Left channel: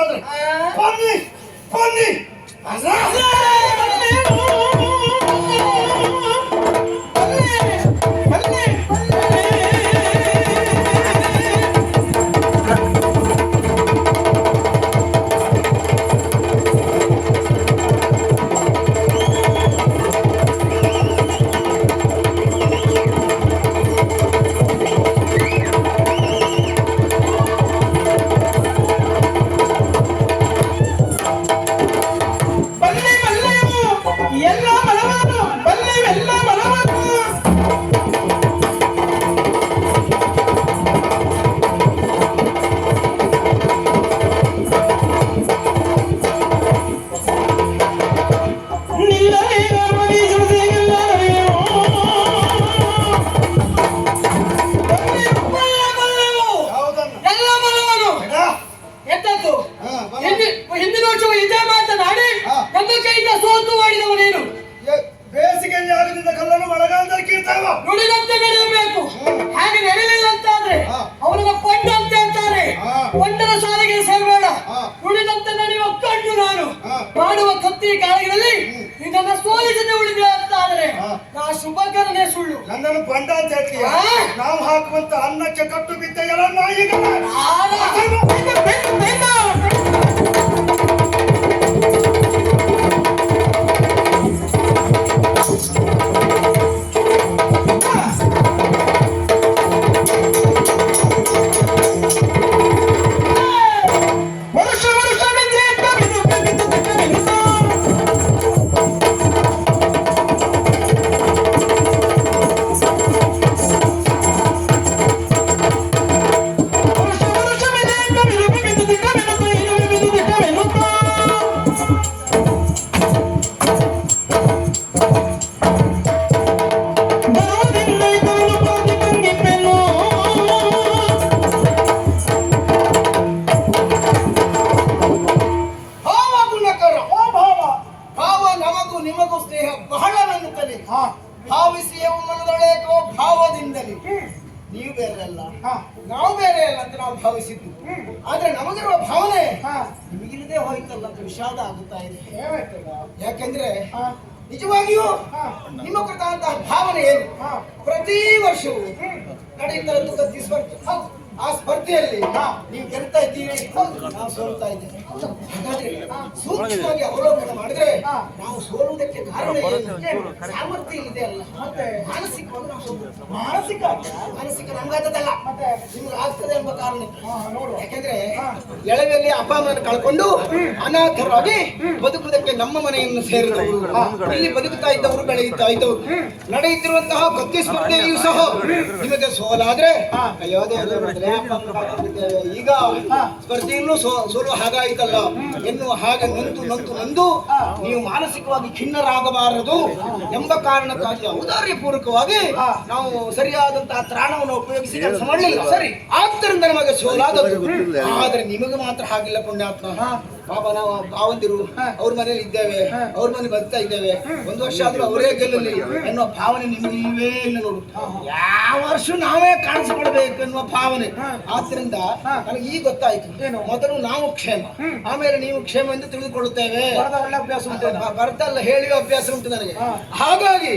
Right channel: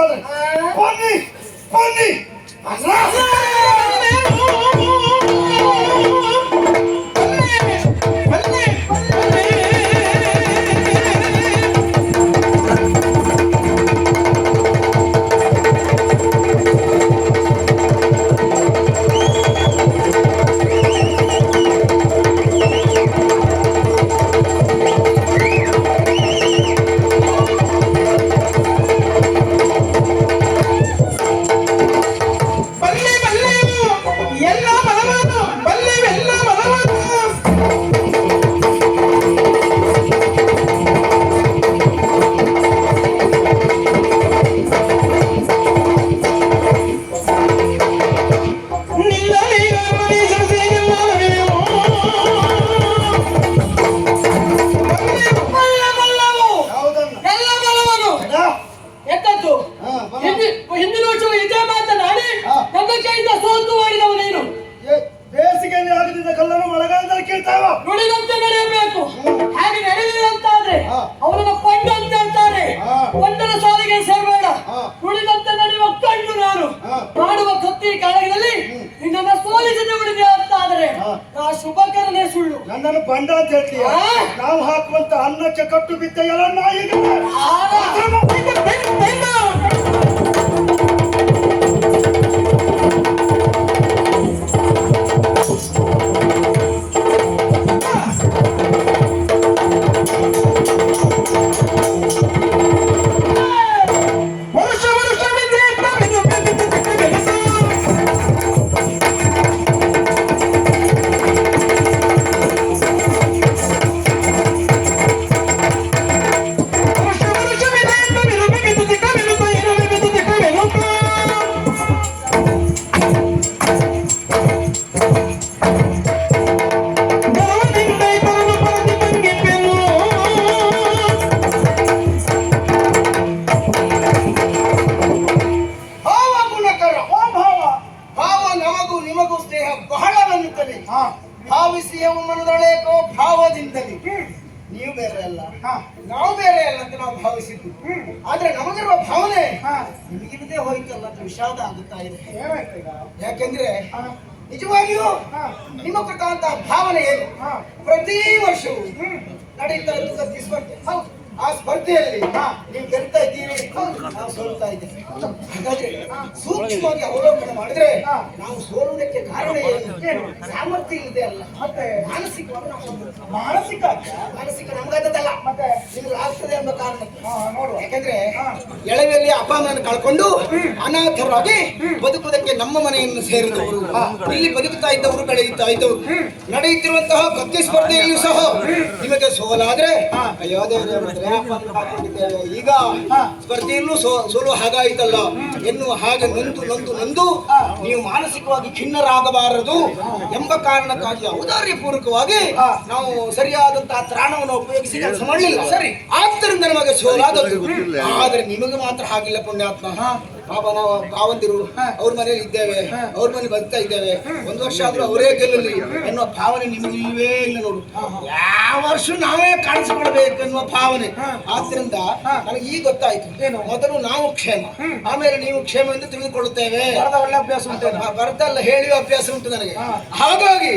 ಹೌದು ಅಂತಾದ್ರೆ ಬನ್ನಿ ನಾ ಶುಭಕರನೇ ಸುಳ್ಳು. ನನ್ನನ್ನು ಬಂಡ ಅಂತ ಹೇಳ್ತೀಯ? ನಾವು ಹಾಕುವಂತ ಅನ್ನಕ್ಕೆ ಕಟ್ಟು ಬಿದ್ದ ಎಲ್ಲ ನಾಯಿಗಳ. ಭಾವಿಸಿಯ ಮನದೊಳೇಕೋ ಭಾವದಿಂದಲೇ ನೀವು ಬೇರೆ ಅಲ್ಲ ಹಾ. ನಾವು ಬೇರೆ ಅಲ್ಲ ಅಂತ ನಾವು ಭಾವಿಸಿದ್ವಿ ಆದ್ರೆ ನಮಗಿರುವ ಭಾವನೆ. ನಿಮಗಿಲ್ಲದೆ ಹೋಯ್ತಲ್ಲ ಅಂತ ವಿಷಾದ ಆಗುತ್ತಾ ಇದೆ? ಯಾಕೆಂದ್ರೆ. ನಿಜವಾಗಿಯೂ. ನಿಮ್ಮ ಕುರಿತಾದಂತಹ ಭಾವನೆ ಏನು. ಪ್ರತಿ ವರ್ಷವೂ ನಡೀತಾ ಇದ್ದು ಸ್ಪರ್ಧೆ ಆ ಸ್ಪರ್ಧೆಯಲ್ಲಿ. ನೀವು ಗೆಲ್ತಾ ಇದ್ದೀವಿ ನಾವು ಸೋಲ್ತಾ ಇದ್ದೇವೆ. ಹಾಗಾದ್ರೆ ಸೂಕ್ಷ್ಮವಾಗಿ ಅವಲೋಕನ ಮಾಡಿದ್ರೆ ನಾವು ಸೋಲುವುದಕ್ಕೆ ಕಾರಣ ಏನು? ಸಾಮರ್ಥ್ಯ ಇದೆ ಅಲ್ಲ. ಮತ್ತೆ ಮಾನಸಿಕವಾಗಿ ನಾವು. ಮಾನಸಿಕ ಮಾನಸಿಕ ನಮ್ಗಾದದಲ್ಲ ಮತ್ತೆ ನಿಮ್ಗೆ ಆಗ್ತದೆ ಎಂಬ ಕಾರಣಕ್ಕೆ. ಹಾ, ನೋಡುವ. ಯಾಕಂದ್ರೆ ಎಳೆಯಲ್ಲಿ ಎಳವೆಯಲ್ಲಿ ಅಪ್ಪ ಅಮ್ಮನ ಕಳ್ಕೊಂಡು ಅನಾಥರಾಗಿ ಬದುಕುವುದಕ್ಕೆ ನಮ್ಮ ಮನೆಯನ್ನು ಸೇರಿದವರು. ಇಲ್ಲಿ ಬದುಕುತ್ತಾ ಇದ್ದವರು ಬೆಳೆಯುತ್ತಾ ಇದ್ದವರು. ನಡೆಯುತ್ತಿರುವಂತಹ ಭಕ್ತಿ ಸ್ಪರ್ಧೆಯಲ್ಲಿಯೂ ಸಹ ನಿಮಗೆ ಸೋಲಾದ್ರೆ ಅಯ್ಯೋ ದೇವರೇ, ಈಗ ಸ್ಪರ್ಧೆಯಲ್ಲೂ ಸೋಲು ಹಾಗಾಯ್ತಲ್ಲ. ಎನ್ನುವ ಹಾಗೆ ನಂತು ನಂತು ನಂದು. ನೀವು ಮಾನಸಿಕವಾಗಿ ಖಿನ್ನರಾಗಬಾರದು ಎಂಬ ಕಾರಣಕ್ಕಾಗಿ ಔದಾರ್ಯ ಪೂರ್ವಕವಾಗಿ ನಾವು ಸರಿಯಾದಂತಹ ತ್ರಾಣವನ್ನು ಉಪಯೋಗಿಸಿ ಕೆಲಸ ಮಾಡಲಿಲ್ಲ. ಸರಿ. ಆದ್ದರಿಂದ ನಮಗೆ ಸೋಲಾದದ್ದು. ಆದ್ರೆ ನಿಮಗೆ ಮಾತ್ರ ಹಾಗಿಲ್ಲ ಪುಣ್ಯಾತ್ಮ. ಪಾಪ ನಾವು ಭಾವಂತಿರು ಅವ್ರ ಮನೇಲಿ ಇದ್ದೇವೆ ಅವ್ರ ಮನೆ ಬರ್ತಾ ಇದ್ದೇವೆ. ಒಂದು ವರ್ಷ ಆದ್ರೂ ಅವರೇ ಗೆಲ್ಲಲಿ ಅನ್ನುವ ಭಾವನೆ ನಿಮಗೆ ಇಲ್ಲ ನೋಡು. ಯಾವ ವರ್ಷ ನಾವೇ ಕಾಣಿಸಿಕೊಳ್ಬೇಕು ಅನ್ನುವ ಭಾವನೆ. ಆದ್ರಿಂದ ನನಗೆ ಈಗ ಗೊತ್ತಾಯ್ತು. ಮೊದಲು ನಾವು ಕ್ಷೇಮ. ಆಮೇಲೆ ನೀವು ಕ್ಷೇಮ ಎಂದು ತಿಳಿದುಕೊಳ್ಳುತ್ತೇವೆ. ಅಭ್ಯಾಸ ಉಂಟು ಬರ್ತಲ್ಲ ಹೇಳುವ ಅಭ್ಯಾಸ ಉಂಟು ನನಗೆ. ಹಾಗಾಗಿ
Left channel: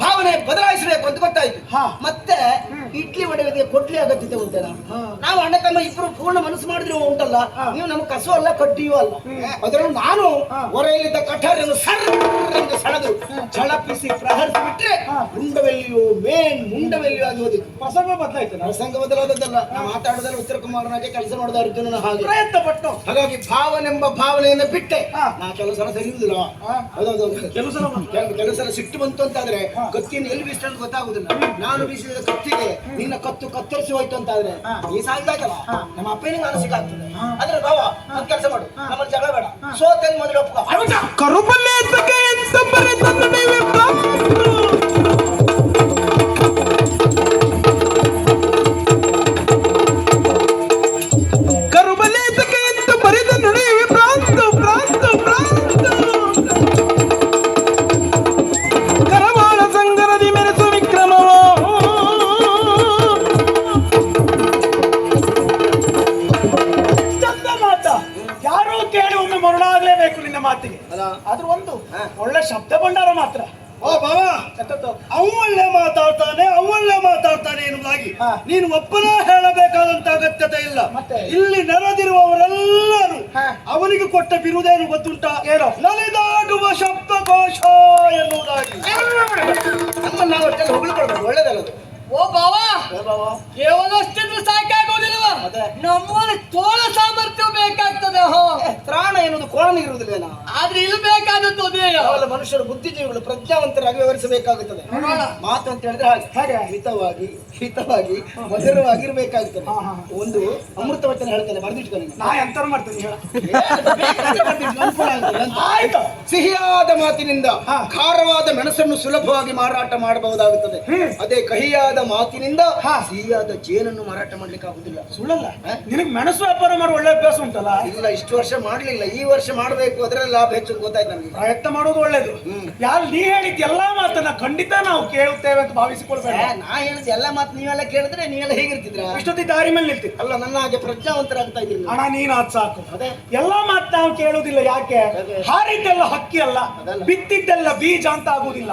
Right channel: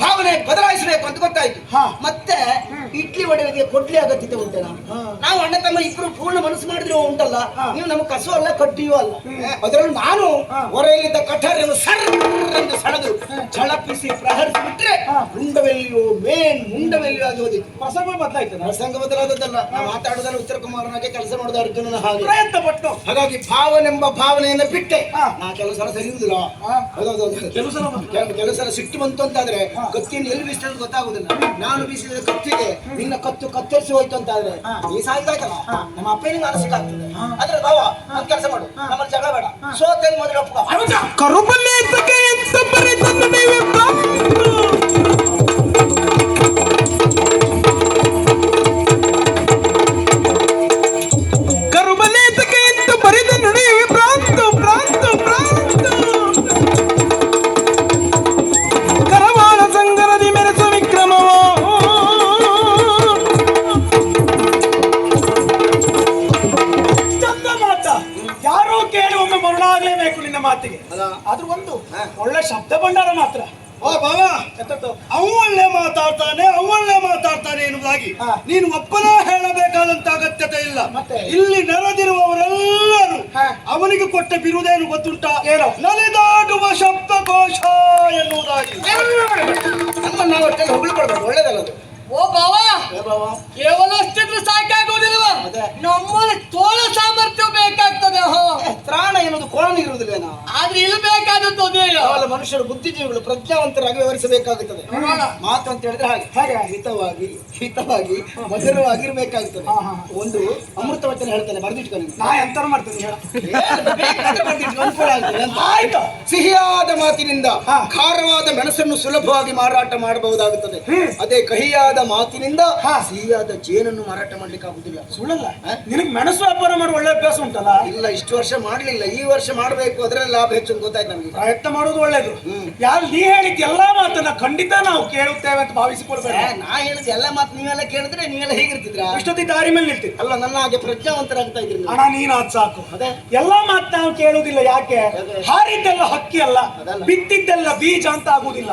ಭಾವನೆ ಬದಲಾಯಿಸಬೇಕು ಅಂತ ಗೊತ್ತಾಯ್ತು. ಹಾ. ಮತ್ತೆ ಇಡ್ಲಿ ಒಡೆಯೋದಕ್ಕೆ ಕೊಡ್ಲಿ ಅಗತ್ಯತೆ ಉಂಟಲ್ಲ? ನಾವು ಅಣ್ಣ ತಮ್ಮ ಇಬ್ರು ಪೂರ್ಣ ಮನಸ್ಸು ಮಾಡಿದ್ರೆ ಉಂಟಲ್ಲ? ನೀವು ನಮ್ಗೆ ಕಸು ಅಲ್ಲ ಕಡ್ಡಿಯೂ ಅಲ್ಲ? ಅದರಲ್ಲೂ ನಾನು ಹೊರೆಯಲ್ಲಿದ್ದ ಕಠಾರನ್ನು ಸಣ್ಣ ಸೆಳೆದು ಛಳಪಿಸಿ ಪ್ರಹರಿಸಿ ಬಿಟ್ರೆ ಮುಂಡವೆಲ್ಲಿಯೋ ಮೇನ್ ಮುಂಡವೆಲ್ಲಿಯೋ ಆಗಿ ಹೋದಿತ್ತು. ಪ್ರಸಂಗ ಬದಲಾಯ್ತು ಪ್ರಸಂಗ ಬದಲಾದದ್ದಲ್ಲ. ನಾವು ಮಾತಾಡೋದಲ್ಲ ಉತ್ತರ ಕುಮಾರನಾಗೆ ಕೆಲಸ ಮಾಡಿದ ಅರ್ಜುನನ ಹಾಗೆ. ಪ್ರಯತ್ನ ಪಟ್ಟು. ಹಾಗಾಗಿ ಭಾವನೆಂಬ ಭಾವನೆಯನ್ನ ಬಿಟ್ಟೆ. ನಾ ಕೆಲವು ಸಲ ಸರಿಯುವುದಿಲ್ಲ ಕೆಲಸ ಕೆಲವು ಸಲ ಸಿಟ್ಟು ಬಂತು ಅಂತಾದ್ರೆ ಕತ್ತಿಯನ್ನು ಎಲ್ಲಿ ಬೀಸಿದ್ರೆ ಗೊತ್ತಾಗುದಿಲ್ಲ ನಾನು ಬೀಸಿದ ಕತ್ತಿಗೆ ನಿನ್ನ ಕತ್ತು ಕತ್ತರಿಸಿ ಹೋಯ್ತು ಅಂತ ಆದ್ರೆ ಈ ಸಾಯ್ತಾಯ್ತಲ್ಲ ನಮ್ಮ ಅಪ್ಪನಿಗೆ ಮಾನಸಿಕ ಆಗ್ತದೆ. ಅಂದ್ರೆ ಬಾವ ಒಂದ್ ಕೆಲಸ ಮಾಡು. ನಮ್ಮ ಜಗಳ ಬೇಡ. ಸೋತಲ್ಲಿ ಮೊದಲು ಒಪ್ಪ? ಕರುಬಲ್ಲೆ ನೀನು ಒಪ್ಪನ ಹೇಳಬೇಕಾದಂತ ಅಗತ್ಯತೆ ಇಲ್ಲ ಇಲ್ಲಿ ನೆರೆದಿರುವವರೆಲ್ಲರೂ. ಅವನಿಗೆ ಕೊಟ್ಟ ಬಿರುದೇನು ಗೊತ್ತುಂಟ? ಏನೋ? ನಲಿದಾಡುವ ಎನ್ನುವುದಾಗಿ. ನಾವು ಅಷ್ಟೆಲ್ಲ ಹೊಗಳ್ಕೊಳ್ಬೇಕು ಓ ಬಾವ! ಓ ಬಾವ. ಕೇವಲ ಅಷ್ಟಿದ್ರೆ. ನಮ್ಮಲ್ಲಿ ತೋಳ ಸಾಮರ್ಥ್ಯ ಬೇಕಾಗ್ತದೆ ಹೋ. ಏ, ತ್ರಾಣ ಇರುವುದಿಲ್ಲ ಆದ್ರೆ ಇಲ್ಲಿ ಬೇಕಾದದ್ದು ಅದೇ ಮನುಷ್ಯರು ಬುದ್ಧಿಜೀವಿಗಳು ಪ್ರಜ್ಞಾವಂತರಾಗಿ ವ್ಯವಹರಿಸಬೇಕಾಗುತ್ತದೆ. ಮಾತು ಅಂತ ಹೇಳಿದ್ರೆ ಹಾಗೆ. ಹಾಗೆ. ಹಿತವಾಗಿ ಹಿತವಾಗಿ ಮಧುರವಾಗಿರ್ಬೇಕಾಗುತ್ತದೆ. ಒಂದು ಅಮೃತ ವಚನ ಹೇಳ್ತಾನೆ ಬರ್ದಿಟ್ಕೊಂಡು ನಾ ಎಂತ ಮಾಡ್ತೇನೆ ಸಿಹಿಯಾದ ಮಾತಿನಿಂದ ಖಾರವಾದ ಮೆಣಸನ್ನು ಸುಲಭವಾಗಿ ಮಾರಾಟ ಮಾಡಬಹುದಾಗುತ್ತದೆ. ಅದೇ ಕಹಿಯಾದ ಮಾತಿನಿಂದ. ಸಿಹಿಯಾದ ಜೇನನ್ನು ಮಾರಾಟ ಮಾಡ್ಲಿಕ್ಕೆ ಆಗುದಿಲ್ಲ ಸುಳ್ಳಲ್ಲ? ನಿನಗೆ ಮೆಣಸು ವ್ಯಾಪಾರ ಮಾಡುವ ಒಳ್ಳೆ ಅಭ್ಯಾಸ ಉಂಟಲ್ಲ? ಇಲ್ಲ ಇಷ್ಟು ವರ್ಷ ಮಾಡಲಿಲ್ಲ. ಈ ವರ್ಷ ಮಾಡಬೇಕು ಅದರಲ್ಲಿ ಲಾಭ ಹೆಚ್ಚು ಗೊತ್ತಾಯ್ತು ನಮಗೆ. ಪ್ರಯತ್ನ ಮಾಡೋದು ಒಳ್ಳೇದು. ಯಾರು ನೀ ಹೇಳಿದ ಎಲ್ಲಾ ಮಾತನ್ನ ಖಂಡಿತ ನಾವು ಕೇಳುತ್ತೇವೆ ಅಂತ ಭಾವಿಸಿಕೊಳ್ತೇವೆ ನಾ ಹೇಳಿದ ಎಲ್ಲ ಮಾತು ನೀವೆಲ್ಲ ಕೇಳಿದ್ರೆ ನೀವೆಲ್ಲ ಹೇಗಿರ್ತಿದ್ರ ಇಷ್ಟೊತ್ತಿ ದಾರಿ ಮೇಲೆ ನಿಲ್ತಿ ಅಲ್ಲ ನನ್ನ ಹಾಗೆ ಪ್ರಜ್ಞಾವಂತರಾಗ್ತಾ ಇದ್ರಿ ನೀವು. ಹಣ ನೀನ್ ಅದ್ ಸಾಕು ಅದೇ. ಎಲ್ಲಾ ಮಾತು ನಾವು ಕೇಳುದಿಲ್ಲ ಯಾಕೆ? ಹಾರಿದ್ದೆಲ್ಲ ಹಕ್ಕಿ ಅಲ್ಲ ಬಿತ್ತಿದ್ದೆಲ್ಲ ಬೀಜ ಅಂತ ಆಗುದಿಲ್ಲ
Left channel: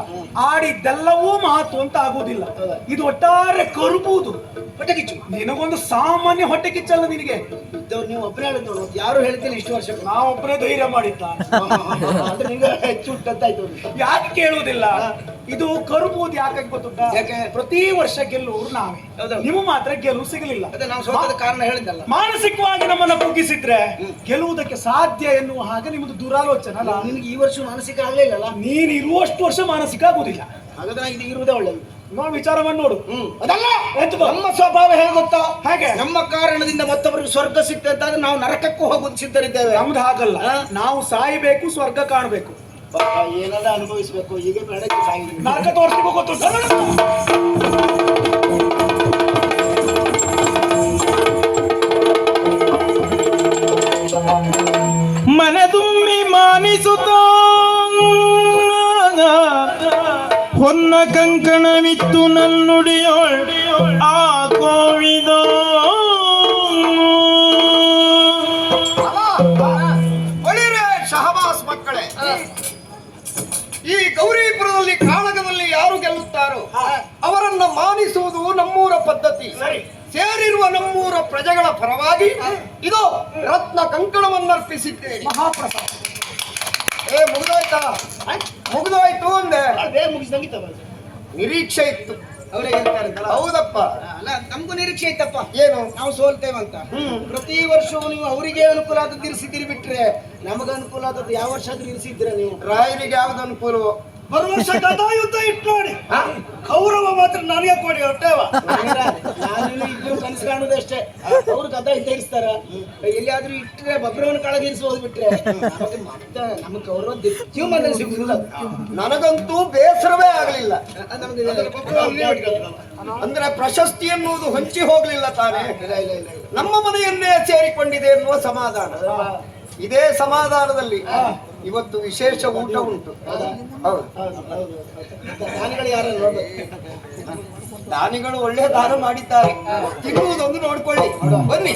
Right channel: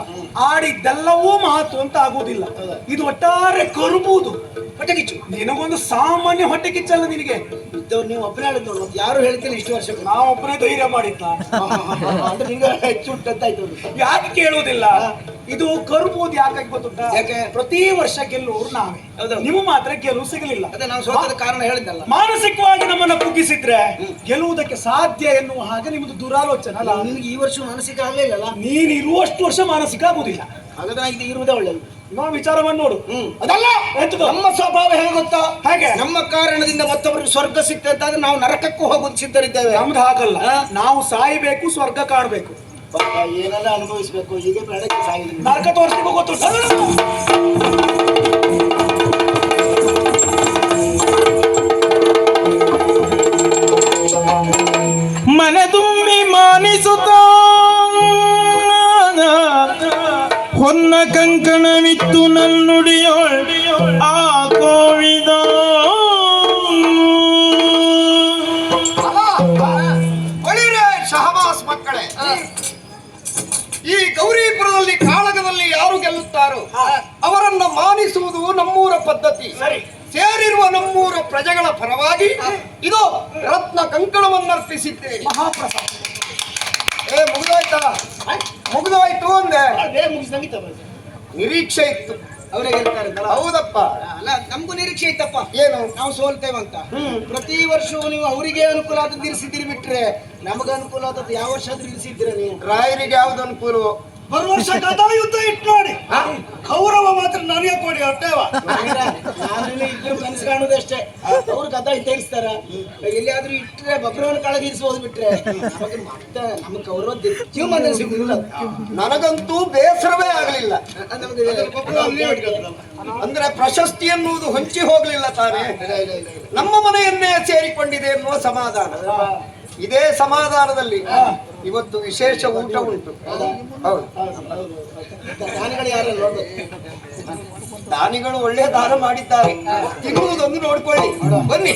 ಆಡಿದ್ದೆಲ್ಲವೂ ಮಾತು ಅಂತ ಆಗುದಿಲ್ಲ ಇದು ಒಟ್ಟಾರೆ ಕರುಬಹುದು ಹೊಟ್ಟೆ ಕಿಚ್ಚು ನಿನಗೊಂದು ಸಾಮಾನ್ಯ ಹೊಟ್ಟೆ ಕಿಚ್ಚಲ್ಲ ನಿನಗೆ ನೀವು ಒಬ್ಬರೇ ಹೇಳಿದ್ ನೋಡು ಯಾರು ಹೇಳ್ತಿಲ್ಲ ಇಷ್ಟು ವರ್ಷ ನಾವೊಬ್ಬನೇ ಧೈರ್ಯ ಮಾಡಿದ್ದ ನಿಂಗೆ ಹೆಚ್ಚು ಅದು. ಯಾಕೆ ಕೇಳುವುದಿಲ್ಲ ಇದು ಕರುಬಹುದು ಯಾಕಾಗಿ ಗೊತ್ತುಂಟಾ? ಯಾಕೆ? ಪ್ರತಿ ವರ್ಷ ಗೆಲ್ಲುವರು ನಾವೇ. ನಿಮ್ಮ ನಿಮಗೆ ಮಾತ್ರ ಗೆಲುವು ಸಿಗಲಿಲ್ಲ. ಅದೇ ನಾವು ಸೋತದ ಕಾರಣ ಹೇಳಿದ್ದಲ್ಲ. ಮಾನಸಿಕವಾಗಿ ನಮ್ಮನ್ನ ಕುಗ್ಗಿಸಿದ್ರೆ ಗೆಲ್ಲುವುದಕ್ಕೆ ಸಾಧ್ಯ ಎನ್ನುವ ಹಾಗೆ ನಿಮ್ಮದು ದುರಾಲೋಚನೆ ಅಲ್ಲ? ನಿಮ್ಗೆ ಈ ವರ್ಷ ಮಾನಸಿಕ ಆಗಲಿಲ್ಲ ನೀನ್ ಇರುವಷ್ಟು ವರ್ಷ ಮಾನಸಿಕ ಆಗುದಿಲ್ಲ. ಹಾಗಾದ್ರೆ ಇದು ಇರುವುದೇ ಒಳ್ಳೆಯದು ನಾವು ವಿಚಾರವನ್ನು ನೋಡು. ಅದಲ್ಲ ನಮ್ಮ ಸ್ವಭಾವ ಹೇಗೆ ಗೊತ್ತಾ? ಹಾಗೆ? ನಮ್ಮ ಕಾರಣದಿಂದ ಮತ್ತೊಬ್ಬರಿಗೆ ಸ್ವರ್ಗ ಸಿಗ್ತದೆ ನಾವು ನರಕಕ್ಕೂ ಹೋಗೋದು ಸಿದ್ಧರಿದ್ದೇವೆ. ನಮ್ದು ಹಾಗಲ್ಲ? ನಾವು ಸಾಯಬೇಕು ಸ್ವರ್ಗ ಕಾಣಬೇಕು. ಪಾಪ ಏನಾದ ಅನುಭವಿಸ್ಬೇಕು? ಈಗ ಬೇಡಕ್ಕೆ ಸಾಯಿಲ್ಲ ನರಕ ಹೊನ್ನ ಕಂಕಣವಿತ್ತು ನನ್ನುಡಿಯೋಳ್ ಪದ್ಧತಿ. ಸರಿ. ಸೇರಿರುವ ನಮ್ಮೂರ ಪ್ರಜೆಗಳ ಪರವಾಗಿ ಇದು ರತ್ನ ಕಂಕಣವನ್ನರ್ಪಿಸಿದ್ದೇನೆ. ಮಹಾಪ್ರಸಾದ. ಏ ಮುಗಿದೋಯ್ತಾ? ಮುಗಿದೋಯ್ತು ಅಂದೆ. ಅದೇ ಮುಗಿಸ್ದಂಗಿತ್ತ ನಿರೀಕ್ಷೆ ಇತ್ತು. ಅವರೇ ಹೇಳ್ತಾರೆ ಹೌದಪ್ಪ. ಅಲ್ಲ ನಮಗೂ ನಿರೀಕ್ಷೆ ಇತ್ತಪ್ಪ. ಏನು? ನಾವು ಸೋಲ್ತೇವಂತ ಪ್ರತಿ ವರ್ಷವೂ ನೀವು ಅವರಿಗೆ ಅನುಕೂಲ ಆದದ್ದು ಇರಿಸಿದ್ದೀರಿ ಬಿಟ್ರೆ ನಮಗೆ ಅನುಕೂಲ ಆದದ್ದು ಯಾವ ವರ್ಷ ಆದ್ರೂ ಇರಿಸಿದ್ದೀರ ನೀವು? ರಾಯರಿಗೆ ಯಾವ್ದು ಅನುಕೂಲವೋ? ಬರುವ ವರ್ಷ ಗದಾ ಯುದ್ಧ ಇಟ್ಟು ನೋಡಿ. ಕೌರವ ಮಾತ್ರ ನನಗೆ ಕೊಡಿ ಹೊಟ್ಟೆವ ಇದ್ರು ಕನಸು ಕಾಣುದಷ್ಟೇ. ಅವ್ರು ಗದ ಇದ್ದೇರಿಸ್ತಾರ ಎಲ್ಲಿಯಾದ್ರೂ ಇಟ್ರೆ ಬಬ್ರವನ್ನ ಕಳಗಿರಿಸಬಹುದು ಬಿಟ್ರೆ. ನಮಗೆ ಮತ್ತೆ ನಮಗೆ ಗೌರವ ಜೀವಮಾನ ಸಿಗುದಿಲ್ಲ. ನನಗಂತೂ ಬೇಸರವೇ ಆಗಲಿಲ್ಲ. ಅಂದ್ರೆ ಪ್ರಶಸ್ತಿ ಅನ್ನುವುದು ಹೊಂಚಿ ಹೋಗ್ಲಿಲ್ಲ ತಾನೇ. ನಮ್ಮ ಮನೆಯನ್ನೇ ಸೇರಿಕೊಂಡಿದೆ ಎನ್ನುವ ಸಮಾಧಾನ. ಇದೇ ಸಮಾಧಾನದಲ್ಲಿ ಇವತ್ತು ವಿಶೇಷ ಊಟ ಉಂಟು. ದಾನಿಗಳು ಒಳ್ಳೆ ದಾನ ಮಾಡಿದ್ದಾರೆ. ತಿನ್ನುವುದೊಂದು ನೋಡ್ಕೊಳ್ಳಿ. ಬನ್ನಿ.